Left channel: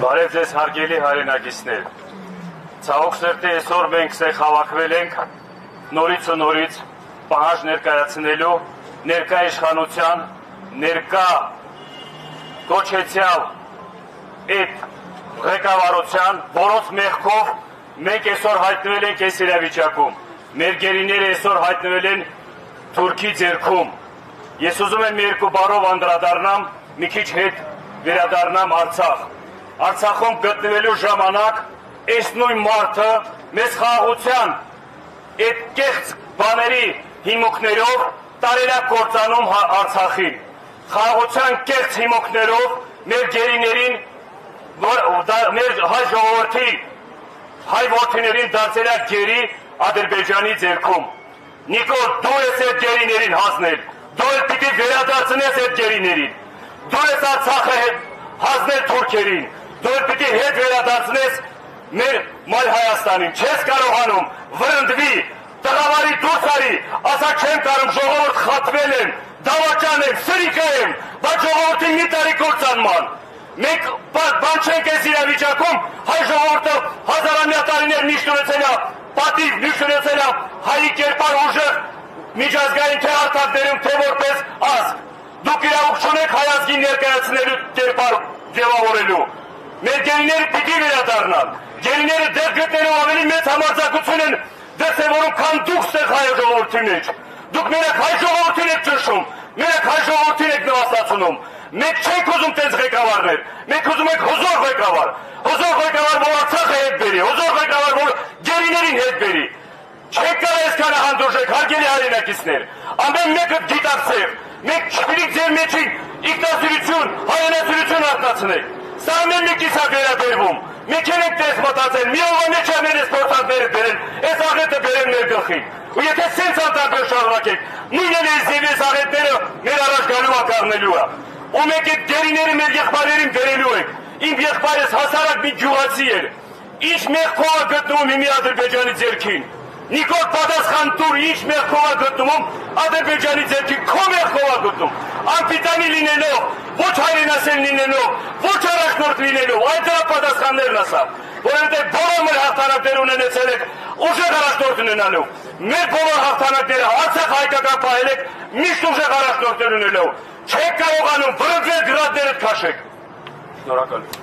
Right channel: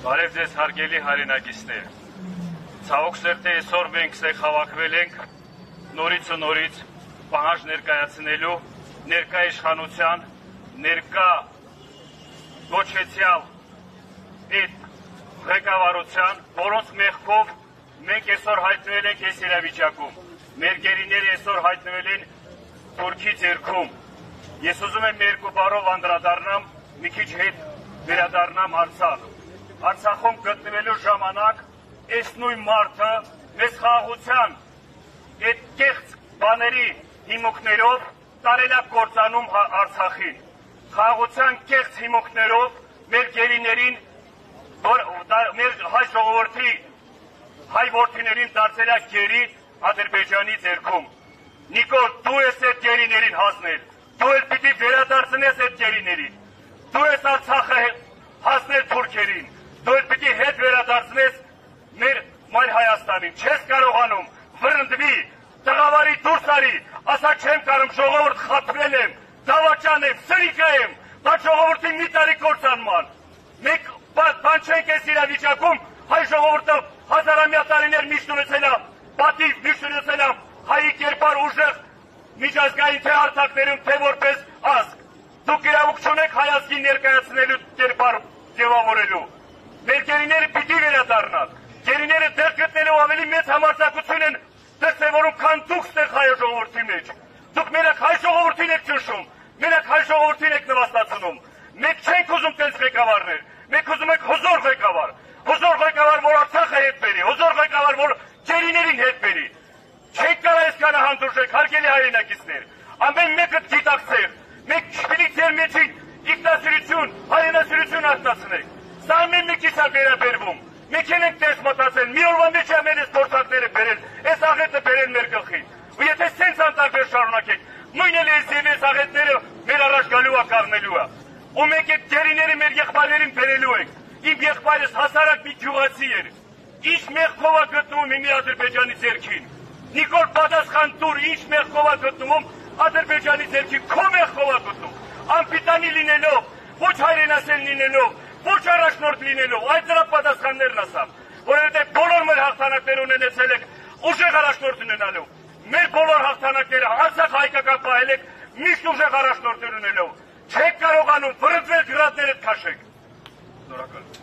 Բարև ձեզ հարգելի հայրենակիցներ, ցավոք սրտի այսօր մենք հավաքվել ենք նորից ու նորից պահանջ ներկայացնելու ներկա իշխանության, ներկա կոչեցյալ այդ ղեկավարության, որոնց մեղքով մենք այսօր հայտնվել ենք այս իրավիճակում, մեր գերիները այսօր հայտնվել են Թուրքի ձեռքում։ Ես ուզում եմ երկու բառով անդրադառնամ, մի քիչ հետ վերադառնամ Արցախ։ Արցախում գտնվելու ժամանակ այս նույն մարդը մեզ խաղաղության այդ կեղծ բաների հիմունքներով տարել է կործանում Արցախին։ Խաղաղության կեղծ հիմունքներով մեր գերիներին, մեր հայ ժողովրդի հայ որդիներին դարձել է գերի Ադրբեջանի ձեռքում։ Նիկոլ, դու ես այդ գերիներին հասնել, դու էլ պիտի վերադարձնես այդ գերիներին, դու ես Արցախը հասնել թուրքերին, դու էլ պիտի հետ վերադարձնես մեր մայր Հայաստանին, չես կարողանում, վրընդվի, տղավարի դուրս արի, ասա չեմ կարում, ժողովուրդ խատվել եմ, դավաճան եմ, սրիկա եմ, բայց ժողովրդին մի տարի կործանման։ Մենք բան չենք այս իրավիճակում, հայ ժողովուրդը հազարամյա տարիներ միշտ ունեցել է պատիվ, միշտ ունեցել է հայի կերպար ուժեղ միջազգային թե արտադրում, թե որպես ազգ։ Դուք իրավունք չունեք հայ ազգին ներկայացնելու կերպար ձևավորելու։ Մեր գերիները պիտի վերադառնան։ Գերիները դեռ գտնելու ավելի մեծ համարձակություն են դրսևորում, քան դուք ստեղ հայ ժողովրդի մեջ։ Դուք մենակ հայ ժողովրդին եք ճնշում, մենակ հայ ժողովրդին եք նվաստացնում։ Մենք չենք ուզում տենց ղեկավարներ, մենք ուզում ենք հզոր ղեկավար, որ Արցախը հետ բերի, հզոր ղեկավար, որ գերիներին հետ բերի։ Չեք կարող այսքան հանդուրժեք, հարգելի հայրենակիցներ, ամեն մեկը գիտակցեք, մենք չպիտի ձեր մեջին ինքնասիրություն, հայրենասիրություն արտնացնենք։ Սա ամեն մեկից է վերաբերվում։ Մենք ենք տես մտածել, մի օրվա մեջ ամեն այս փորձանները բերեն, այս աղետը բերեն մեր գլխին։ Ու եթե սենց անտարբեր շարունակենք, նույնն է այս աղետները մեր առաջ գալու է կանգնելու է։ Ու մենք այդ գերիները մեր եղբայրերին բերելու ենք։ Իմ եղբայրս հասարակ մի գյուղացի էր։ Ինչ մեղքով է գտնվում հիմի Ադրբեջանի ձեռքին։ Նիկոլ, պատասխան տուր, ինչ մեղքով է գտնվում Ադրբեջանի ձեռքին, քո մեղքով է գտնում։ Անպիտանի լինելով, ոչ հայրենասեր լինելով, ոչ առաջնորդ լինելով, այդ դրա պատասխաններն ասա, որովհետև բոլոր մեր հաղթանակներ ունեցել եք ուժեղ առաջնորդ ունենալու։ Մեր բոլոր հաղթանակները Արցախ հայկական պահել եք միշտ ուժեղ առաջնորդներ ունենալու։ Չեք կարողանում վրընդվել գրադներդ քաշեք։ Շնորհակալ եմ։